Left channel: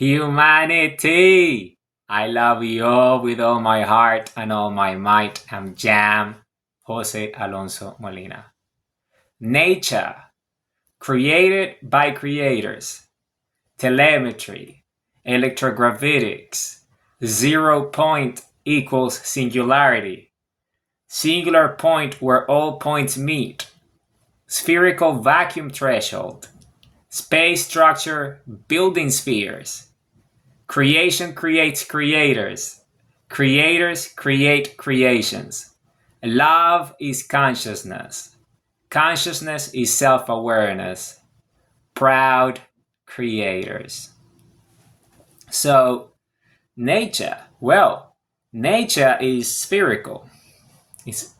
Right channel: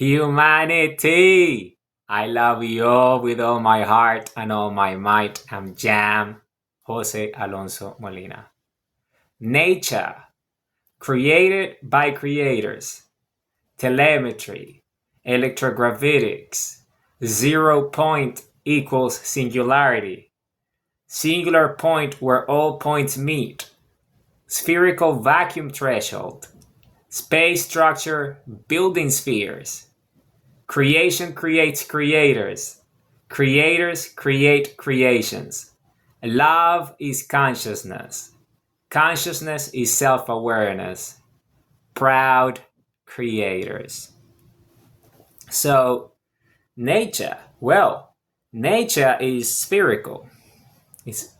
Humanity! I love you all with all my heart and all my might. I'm Jam, Jose Alonso Molina. Nature, created by creators. Telemetry, electrogravitics. 0 point equals singularity. Singular point where all points meet. Spherical vacuum threshold. Space structure, building spheres. Creation creates creators. Creators create creations. Love is consciousness. Consciousness is self-awareness. Proud creators. So, nature. Well, nature is spherical. It's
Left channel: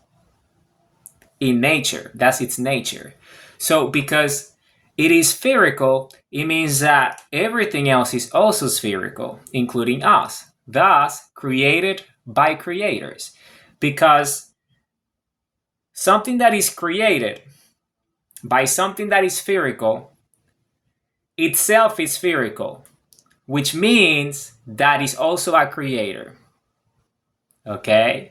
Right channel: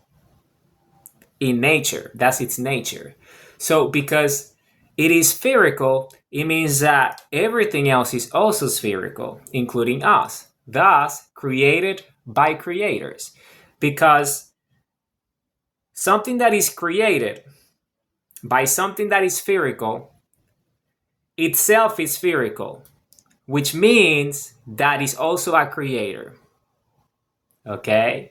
in nature. That's its nature. So, because it is spherical, it means that everything else is also spherical, including us. Thus, created by creators. Because something that is created by something that is spherical itself is spherical, which means that is also a creator. Okay?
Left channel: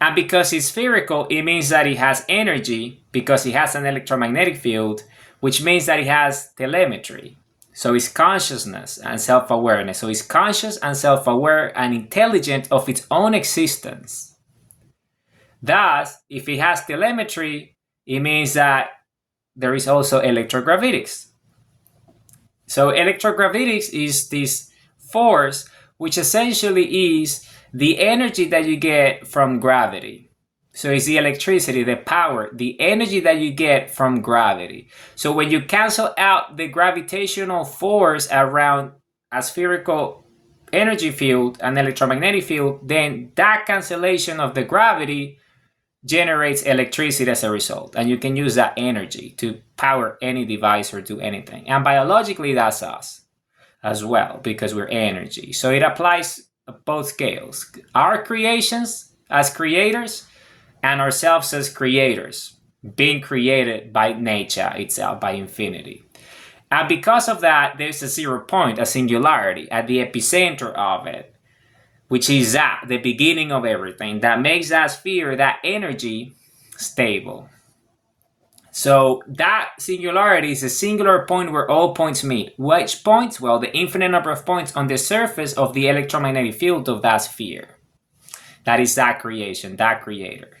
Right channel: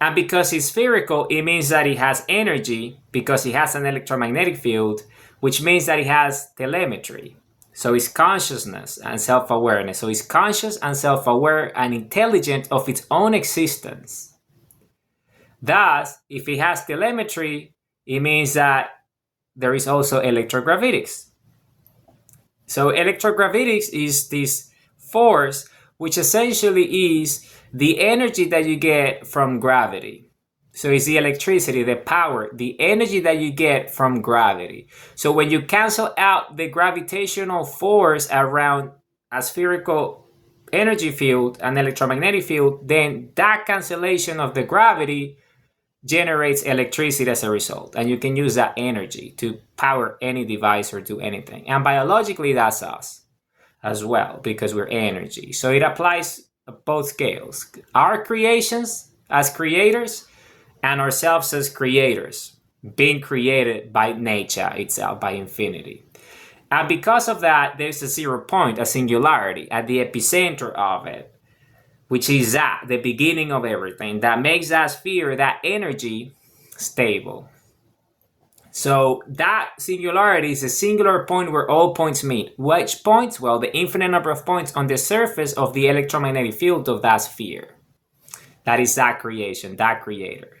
And because it's spherical, it means that it has energy because it has an electromagnetic field, which means that it has telemetry. So it's consciousness and self-awareness. So it's conscious and self-aware and intelligent of its own existence. Thus, if it has telemetry, it means that there is also electrogravitics. So electrogravitics is this force which essentially is the energy that you get from gravity. So it's the electricity, the power, the energy that you get from gravity. So when you cancel out the gravitational force around a spherical energy field, an electromagnetic field, then that cancellation of the gravity generates electricity as a result. And you can use that energy to power any device or do anything. And biologically, that's us as well, because we're energy. So it applies at both scales. Our creations as creators and ourselves as creators, being created by nature itself, by infinity. And because of that, there's a 0 point, a singularity at the epicenter of it, which is that, the beginning of everything, that makes that sphere, that energy, stable. So that singularity is a singular point where all points meet. Which points? Well, the infinite number of points on the surface of the electromagnetic field of that sphere. That is that creation, that creator.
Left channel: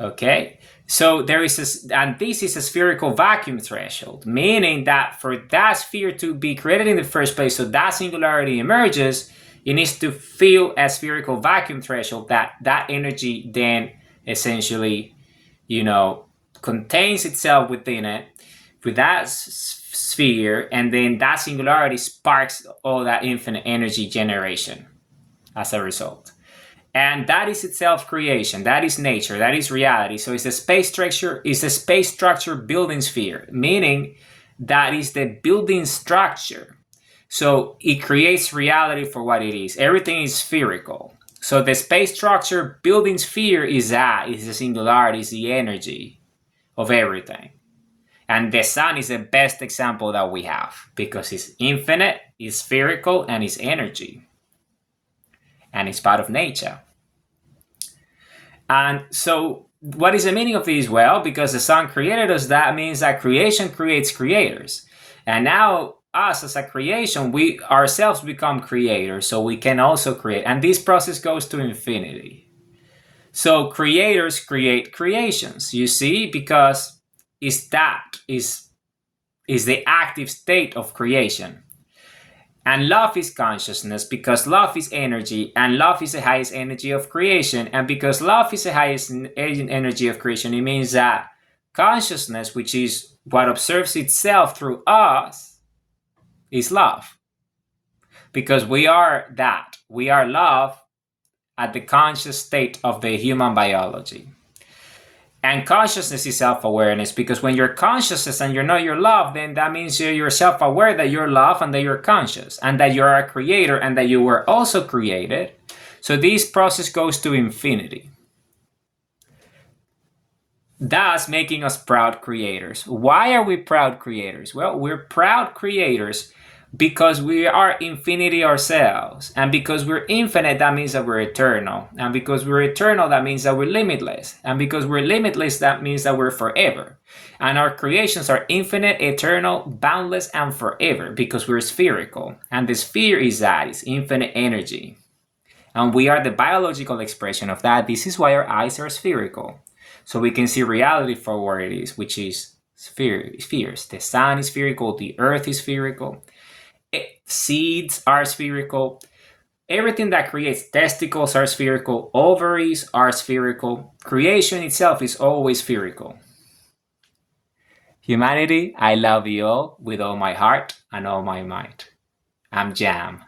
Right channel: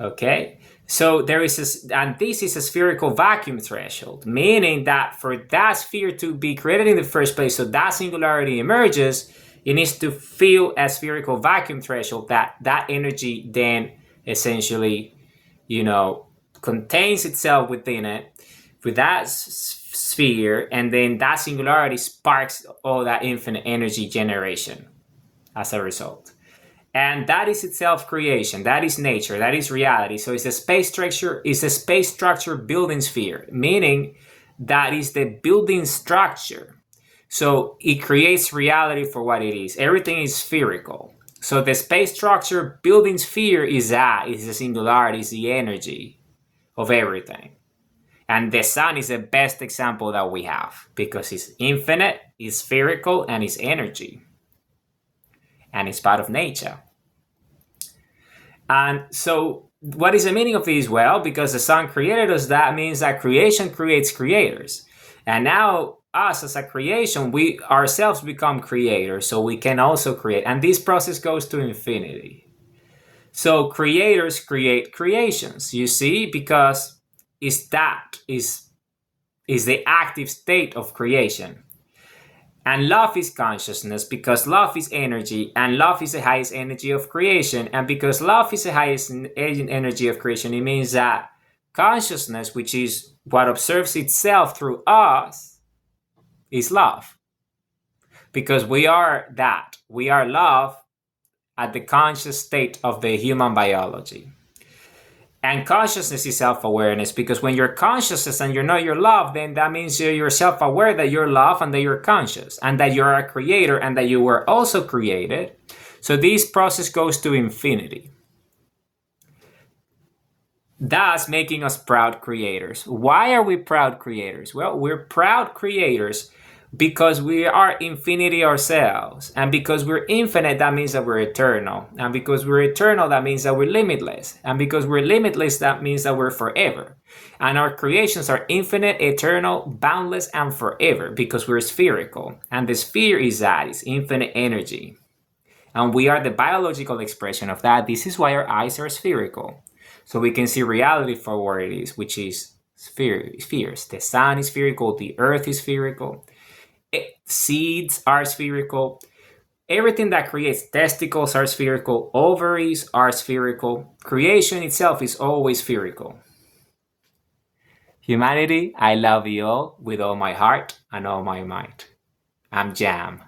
Okay? So there is and this is a spherical vacuum threshold, meaning that for that sphere to be created in the first place, so that singularity emerges, it needs to feel a spherical vacuum threshold that energy then essentially, contains itself within it with that sphere, and then that singularity sparks all that infinite energy generation as a result. And that is itself creation. That is nature. That is reality. So it's a space structure building sphere, meaning that is the building structure. So it creates reality for what it is. Everything is spherical. So the space structure building sphere is the singularity, is the energy of everything. And the sun is the best example that we have because it's infinite, it's spherical, and it's energy. And it's part of nature. And so what is the meaning of this? Well, because the sun created us, that means that creation creates creators. And now us as a creation, we ourselves become creators, so we can also create. And this process goes to infinity. So creators create creations, you see, because is the active state of creation. And love is consciousness because love is energy, and love is the highest energy of creation. And because love is the highest energy of creation, it means that consciousness, which is what observes itself through us, is love. Because we are that. We are love at the conscious state of the human biology. And consciousness is self-awareness, because when you're conscious and you know you're love, then that means you're self-aware that you're love and that you're conscious and that you're a creator and that you were also created. So this process goes to infinity, thus making us proud creators. Why are we proud creators? Well, we're proud creators Because we are infinity ourselves. And because we're infinite, that means that we're eternal. And because we're eternal, that means that we're limitless. And because we're limitless, that means that we're forever. And our creations are infinite, eternal, boundless, and forever because we're spherical. And the sphere is that, it's infinite energy. And we are the biological expression of that. This is why our eyes are spherical. So we can see reality for what it is, which is spheres. The sun is spherical, the earth is spherical. Seeds are spherical. Everything that creates testicles are spherical. Ovaries are spherical. Creation itself is always spherical. Humanity, I love you all with all my heart and all my might. I'm Jam.